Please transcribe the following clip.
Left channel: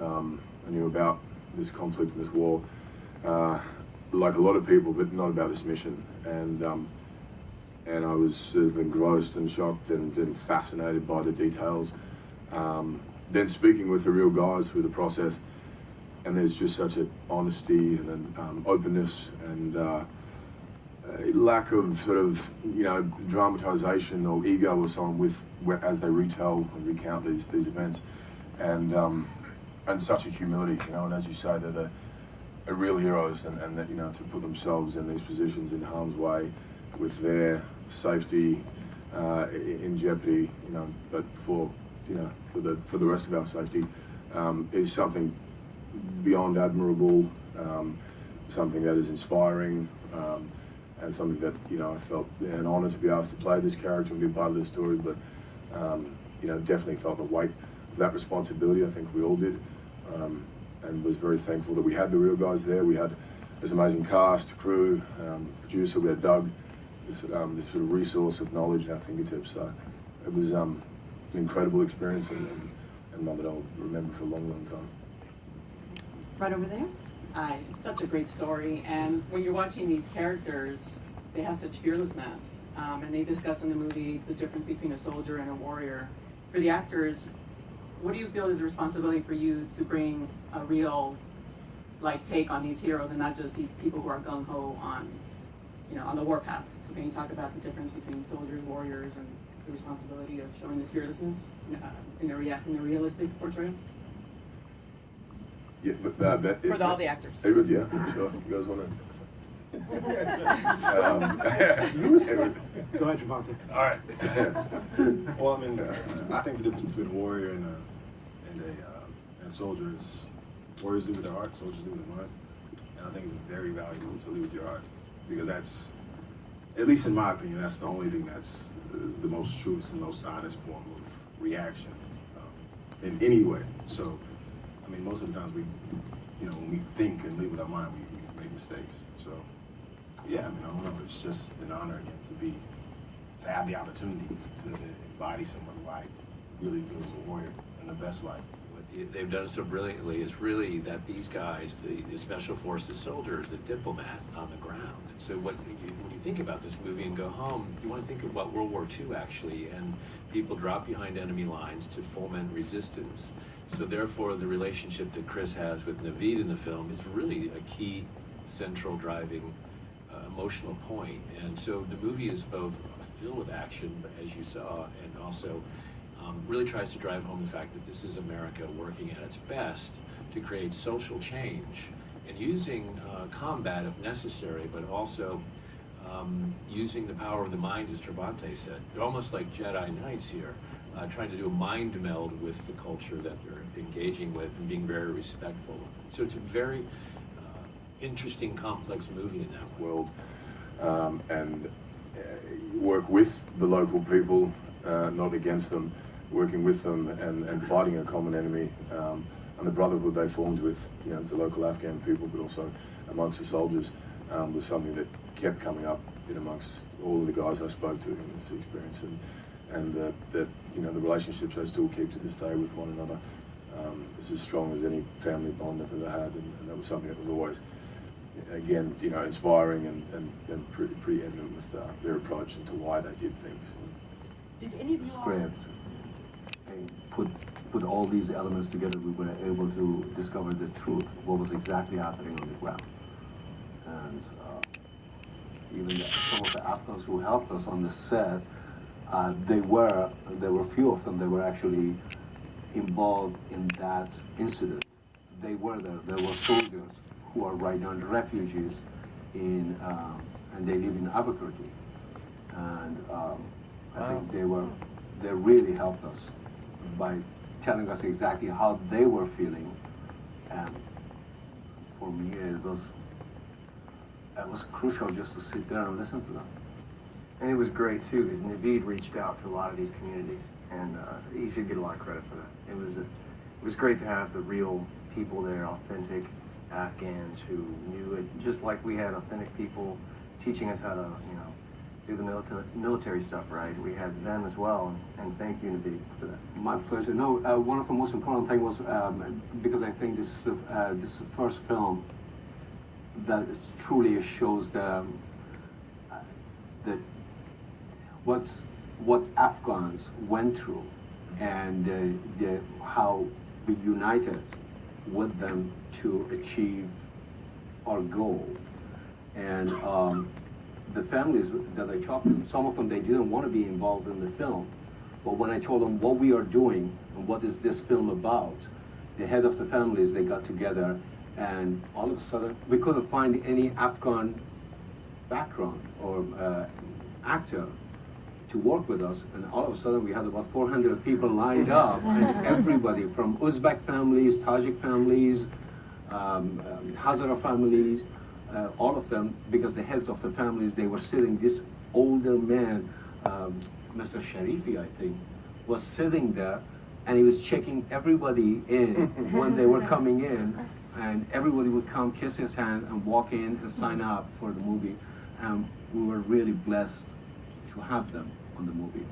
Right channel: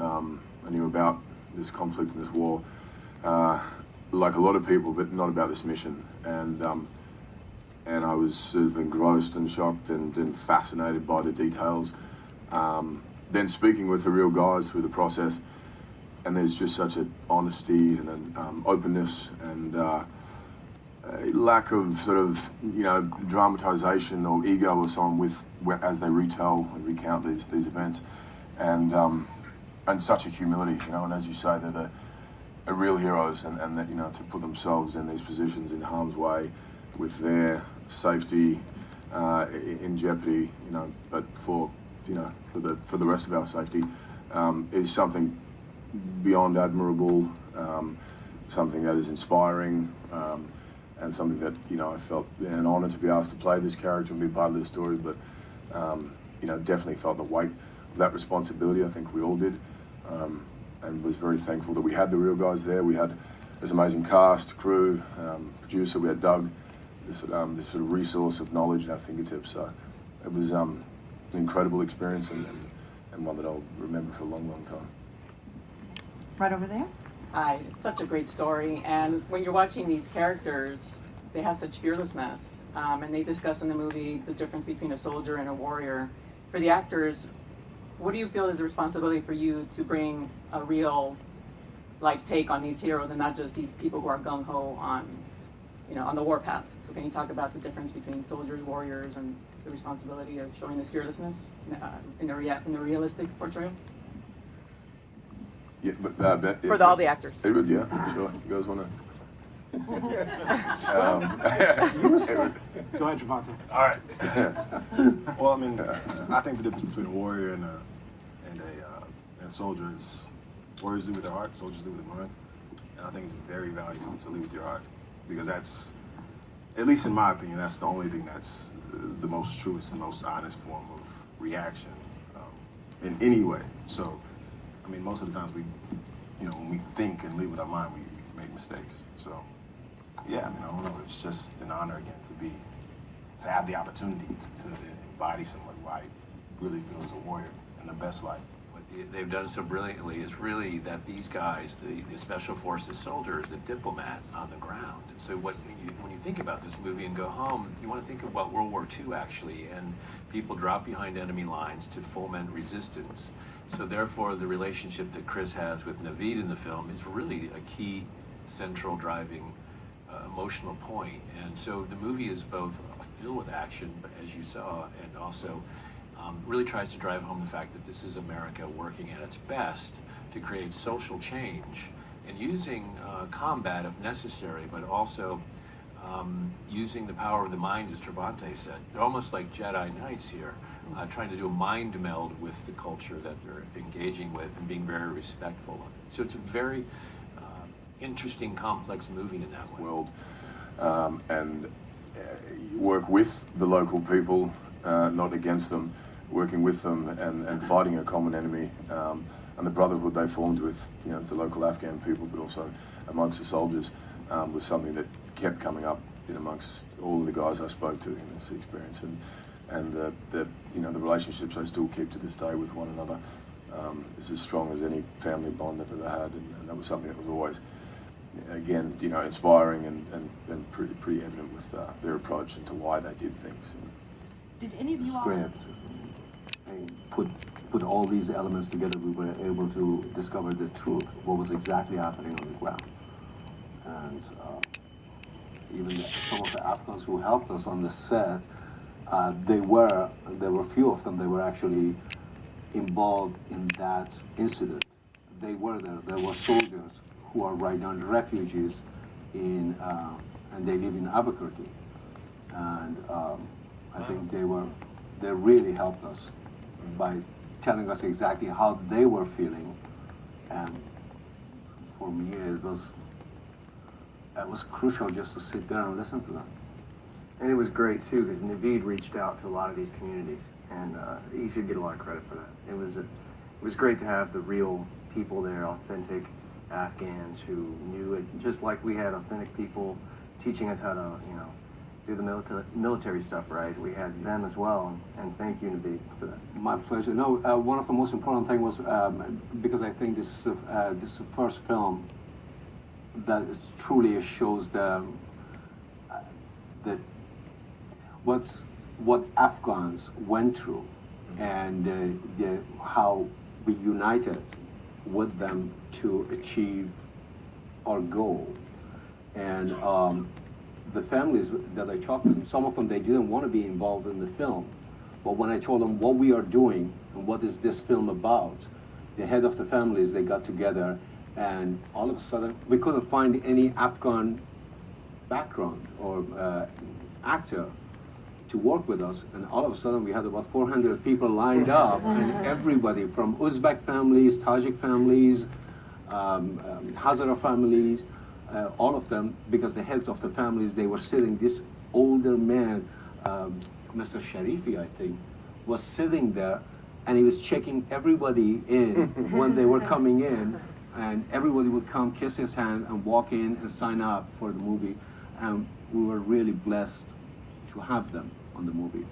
I knew about this conflict and this war, like a lot of people, but not about this mission. And I was sort of engrossed and shocked and fascinated by the details. Then speaking with the real guys through the process, and there's just such an honesty and an openness and lack of sort of, you know, dramatization or ego or so on as they retell and recount these events, and such a humility, you know. And as you say, they're real heroes, and that, you know, to put themselves in these positions in harm's way with their safety in jeopardy, you know, but for the rest of our safety, is something beyond admirable, something that is inspiring, and something that, you know, I felt an honour to be asked to play this character and be part of this story, but you know, definitely felt the weight of that responsibility. I think we all did, and was very thankful that we had the real guys there. We had this amazing cast, crew, producer. We had Doug, this sort of resource of knowledge at our fingertips. So it was an incredible experience, and one that I'll remember for a long, long time. Right over there. Hi, it's such a great story, and when you're watching these characters, they have such fearlessness, and they discuss in the movie the difference between a soldier and a warrior. For the actors, what do you feel is the responsibility for you to bring a real life take on these heroes and not just these people who are gung-ho on, you know, on the warpath? So can you talk about the difference between soldiers, warriors, and the responsibility of showing this fearlessness in the realistic portrayal? Yeah, but for all the actors. David, yeah, sure. You guys want to? Go ahead, Trevante. All right. Well, I mean, I think the difference between a warrior and a soldier is warriors lead with their heart, soldiers lead with their mind, and I think it's very valuable to lead with your heart, because that's, at least in my opinion, that's the only thing that's the most truest and most honest form of reaction in any way. So, I mean, most of the times when we think and lead with our mind, we make mistakes. So, yeah, I mean, I don't know. It's just an honor again to have the opportunity to embody someone who I really feel is a warrior and the best life. What they've done so brilliantly is really that these guys, the Special Forces soldiers, the diplomat on the ground. So when you think about this movie and go home, you want to think about World War II, actually, and people drop behind enemy lines to foment resistance. So therefore, the relationship that Chris has with Navid in the film is really a key, central, driving, emotional point. And so the movie is both filled with action, as you saw, and also really tries to drive home the fact that this is America working at its best to create social change and using combat if necessary, but also using the power of the mind, as Trevante said. They're almost like Jedi Knights here, trying to do a mind meld with the culture that they're engaging with and being very respectful of it. So it's a very interesting, complex movie in that way. World, and work with the local people, not against them, working with them and fighting a common enemy, and the brotherhood they formed with, you know, the local Afghan people, but also amongst the soldiers, was something that kept coming up in amongst all of the guys I spoke to in this experience, and that you know, the relationships they still keep to this day with one another is as strong as any family bond they've ever had, and that was something that was always, again, you know, inspiring and pretty evident with their approach into why they did things. Did any of you Script and put all these elements together, we were able to discover the truth, what was exactly happening on the ground. And even some of the Afghans who helped us on the set, there were few of them that were actually involved in that incident. They were there. There were soldiers who are right now refugees and they live in Albuquerque. And I think they really helped us by telling us exactly how they were feeling. And for me, it was crucial just to sit there and listen to them. And it was great too, because Navid reached out to a lot of these communities, and he should get a lot of credit for that. It was great to have the real people there, authentic Afghans who knew it, just like we had authentic people teaching us how to, you know, do the military stuff right. We had them as well, and thank you, Navid, for that. My pleasure. No, one of the most important things was because I think this is the first film that truly shows what Afghans went through and how we united with them to achieve our goal. And the families that I talked to them, some of them, they didn't want to be involved in the film. But when I told them what we are doing and what is this film about, the head of the families, they got together, and all of a sudden, we couldn't find any Afghan background or actor to work with us, and all of a sudden we had about 400 people lined up, and everybody from Uzbek families, Tajik families, Hazara families, all of them, because the heads of the families, they were sitting, this older man, Mr. Sharifi, I think, was sitting there, and he was checking everybody in when they were coming in, and everybody would come, kiss his hand, and walk in and sign up for the movie, and we were really blessed to have them on the movie.